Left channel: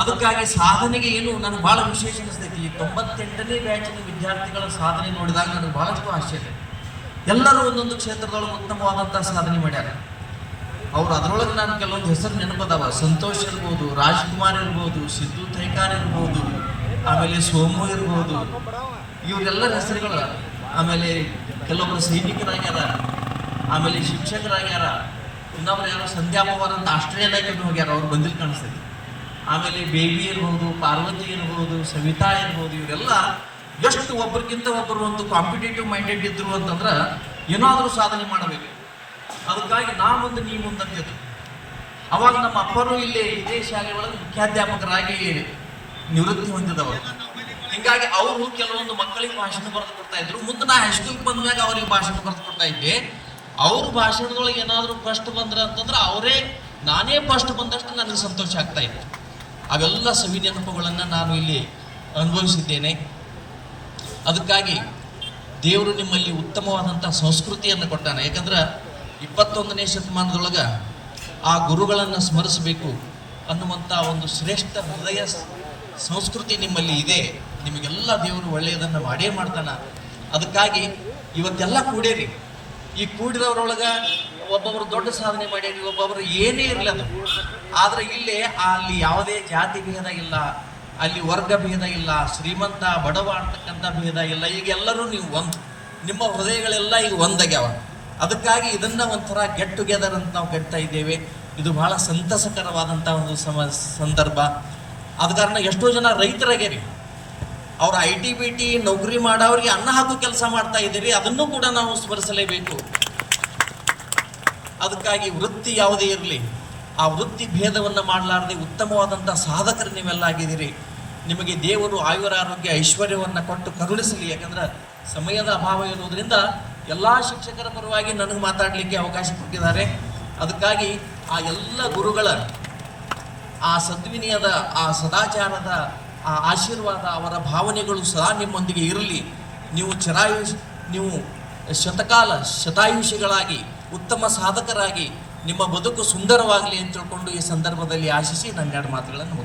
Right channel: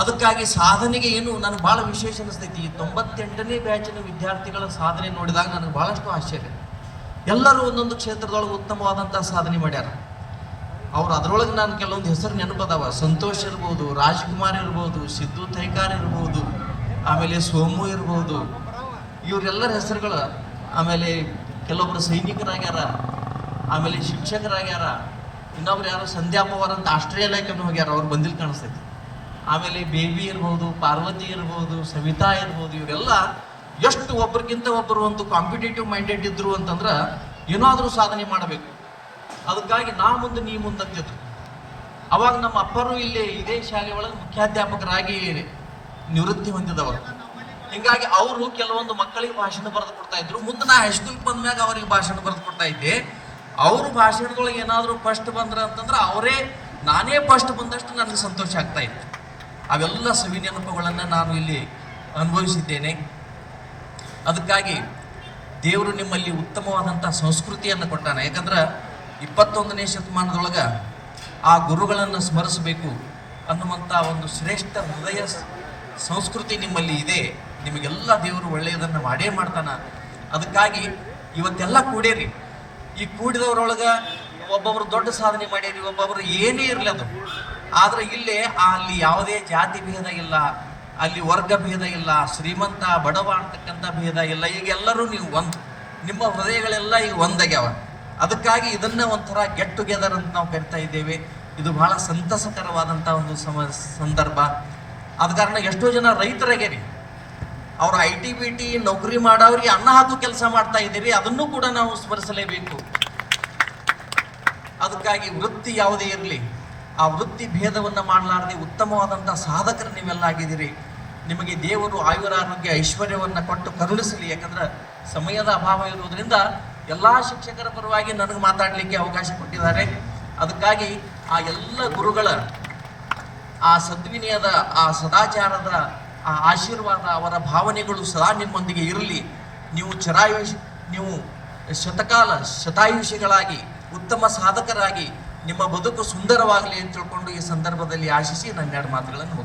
ಅದಕ್ಕಾಗಿ ಸಾಧನೆಗೆ ಏನು ನನಗೆ ಭಾಳ ವಿಶೇಷ ಅನಿಸ್ತೈತಿ. 98ನೇ ಬ್ಯಾಚಿನ ವಿದ್ಯಾರ್ಥಿಗಳ ಸಾಧನೆ ನೋಡಿದಾಗ ನನಗೆ ಭಾಳಷ್ಟು ಆಶ್ಚರ್ಯ. ಎಲ್ಲರೂ ಒಂದೊಂದು ಕ್ಷೇತ್ರದೊಳಗೆ ಉತ್ತಮವಾದಂಥ ಸಾಧನೆ ಮಾಡ್ಯಾರ. ಅವ್ರು ಅದರೊಳಗೆ ನಾನು ಕೆಲವೊಂದು ಹೆಸರು ನೆನಪದಾವ. ಸಂತೋಷ್ ಇರ್ಬೋದು, ರಾಜ್ಕುಮಾರ್ ಇರ್ಬೋದು, ಸಿದ್ದು ಥೈಕಾರ್ ಇರ್ಬೋದು, ಆಮೇಲೆ ಸೋಮು ಇರ್ಬೋದು, ಇವರೆಲ್ಲರ ಹೆಸರುಗಳು. ಆಮೇಲೆ ಕೆಲವೊಬ್ಬರು ಸೈನಿಕರಾಗ್ಯಾರ, ಆಮೇಲೆ ಶಿಕ್ಷಕರಾಗ್ಯಾರ. ಇನ್ನೊಬ್ರು ಯಾರೋ ಸಂಧ್ಯಾ ಪವಾರ್ ಅಂತ ಆಸ್ಟ್ರೇಲಿಯಾಕ್ಕೆ ಹೋಗ್ಯಾರ, ಅವ್ರು ಬಂದಿಲ್ಲ ಕಾಣಿಸ್ತೈತಿ. ಆಮೇಲೆ ಬೇಬಿ ಇರ್ಬೋದು, ಪಾರ್ವತಿ ಇರ್ಬೋದು, ಸವಿತಾ ಇರ್ಬೋದು, ಇವರೆಲ್ಲ ಎಷ್ಟು ಒಬ್ರಿಗಿಂತ ಒಬ್ಬರು ಒಂದು ಕಾಂಪಿಟೇಟಿವ್ ಮೈಂಡೆಡ್ ಇದ್ರು ಅಂತಂದ್ರೆ ಏನಾದರೂ ಸಾಧನೆ ಮಾಡಬೇಕು. ಅದಕ್ಕಾಗಿ ನಾ ಮುಂದೆ ನೀ ಮುಂದಂತಿದ್ರು. ಅವಾಗ ನಮ್ಮ ಅಪ್ಪರು ಇಲ್ಲಿ ಇದೇ ಶಾಲೆ ಒಳಗೆ ಮುಖ್ಯಾಧ್ಯಾಪಕರಾಗಿ ನಿವೃತ್ತಿ ಹೊಂದಿದವರು. ಹಿಂಗಾಗಿ ಅವರು ಕೆಲವೊಂದು ಮಕ್ಕಳಿಗೆ ಭಾಷಣ ಬರೆದು ಕೊಡ್ತಾ ಇದ್ರು. ಮುಂದೆ ನಾ ಹೈಸ್ಕೂಲ್ಗೆ ಬಂದ ಮ್ಯಾಗ ಅವ್ರಿಗೆ ಭಾಷಣ ಬರೆದು ಕೊಡ್ತಾ ಇದ್ದೆ. ಅವ್ರ ಭಾಷಣದೊಳಗೆ ಏನಾದರೂ ಫಸ್ಟ್ ಬಂದ್ರೆ ಅಂತಂದ್ರೆ ನಾನೇ ಫಸ್ಟ್ ಬಂದಷ್ಟು ನನಗೆ ಸಂತೋಷ ಆಗ್ತಾ ಇತ್ತು. ಅವೆಲ್ಲ ಸವಿ ನೆನಪುಗಳನ್ನು ನಾನು ಇಲ್ಲಿ ಅನುಭವಿಸಿದ್ದೇನೆ. ಅದಕ್ಕಾಗಿ ದೇವರು ನಿಮ್ಮಲ್ಲಿ ಉತ್ತಮವಾದಂಥ ಸಂಸ್ಕೃತಿಯನ್ನು ಕೊಟ್ಟಾನೆ. ಯಾಕಂದ್ರೆ 21ನೇ ಶತಮಾನದೊಳಗೆ ಆ ಗುರುಗಳನ್ನು ಸ್ಮರಿಸಬೇಕು ಅನ್ನುವಂಥ ಒಂದು ಶ್ರೇಷ್ಠ ಹೃದಯ ಸಂಸ್ಕೃತಿ ನಿಮ್ಮಲ್ಲಿ ಇದೆ. ನಿಮಗೆಲ್ಲ ದೇವರು ಒಳ್ಳೆಯದನ್ನು ಮಾಡೇ ಮಾಡ್ತಾನೆ. ಅದಕ್ಕಾಗಿ ಇವತ್ತೆಲ್ಲ ಕೂಡೇರಿ. ಈ ಕೂಡಿದವರೊಳಗೆ ಒಬ್ಬೊಬ್ರು ದೊಡ್ಡ ಸಾಧನೆ ಮಾಡ್ಯಾರಿ, ಒಬ್ಬೊಬ್ರು ಏನೇ ಇರಲಿ ಅದು. ಆದರೆ ಅಲ್ಲಿ ಯಾವುದೇ ಜಾತಿ ಭೇದ ಇಲ್ಲ, ಅಲ್ಲಿ ವರ್ಗ ಭೇದ ಇಲ್ಲ, ಶ್ರೀಮಂತ ಬಡವ ಅಂತಕ್ಕಂಥ ಭೇದ ಇಲ್ಲ. ಈಗ ಎಲ್ಲರೂ ನೀವು ನಿಮ್ಮ ಹೃದಯಗಳೆಲ್ಲ ಈಗ ಒಂದಾಗ್ಯಾವ. ಅದಕ್ಕಾಗಿ ಇದನ್ನು ಒಂಥರ ಗೆಟ್ ಟುಗೆದರ್ ಅಂತ ನಾವು ಕರಿತಾ ಇದ್ದೇವೆ. ಇದು ಬಹಳ ಸಂತಸಕರವಾದಂಥ ಒಂದು ಸಂದರ್ಭ. ಆದ ಕಾರಣ ಎಷ್ಟೋ ಜನ ರೈತರಾಗ್ಯಾರಿ, ಅವ್ರು IT-BT ನೌಕರಿ ಮಾಡೋರಿಗೆ ಅನ್ನ ಹಾಕೋ ಕೆಲಸ ಮಾಡ್ತಾ ಇದ್ದೀರಿ. ಅದನ್ನು ಕೂಡ ನಾವು ಸ್ಮರಿಸಲೇಬೇಕು. ಅದಕ್ಕಾಗಿ ವೃತ್ತಿ ಯಾವುದೇ ಇರಲಿ, ಆ ವೃತ್ತಿ ಭೇದವನ್ನು ಮಾಡಲಾರದೆ ಉತ್ತಮವಾದಂಥ ಸಾಧಕರು ನೀವೆಲ್ಲ ಆಗಿದ್ದೀರಿ. ನಿಮಗೆ ದೇವರು ಆಯುರಾರೋಗ್ಯ ಐಶ್ವರ್ಯವನ್ನು ಕೊಟ್ಟು ಕರುಣಿಸಲಿ. ಯಾಕಂದ್ರೆ ಸಮಯದ ಅಭಾವ ಇರುವುದರಿಂದ ಎಲ್ಲ ಶಿಕ್ಷಕರ ಪರವಾಗಿ ನನಗೆ ಮಾತಾಡಲಿಕ್ಕೆ ಅವಕಾಶ ಕೊಟ್ಟಿದ್ದಾರೆ. ಅದಕ್ಕಾಗಿ ಆ ಎಲ್ಲ ಗುರುಗಳ ಆ ಸದ್ವಿನಯದ, ಆ ಸದಾಚಾರದ, ಆ ಆಶೀರ್ವಾದ, ಅವರ ಭಾವನೆಗಳು ಸದಾ ನಿಮ್ಮೊಂದಿಗೆ ಇರಲಿ. ನೀವು ಶತಾಯುಷಿಗಳಾಗಿ ಉತ್ತಮ ಸಾಧಕರಾಗಿ ನಿಮ್ಮ ಬದುಕು ಸುಂದರವಾಗಲಿ ಅಂತ ತಿಳ್ಕೊಂಡು ಈ ಸಂದರ್ಭದಲ್ಲಿ ಆಶಿಸಿ ನನ್ನ 2 ಮಾತುಗಳನ್ನು ಮುಗಿಸ್ತೇನೆ.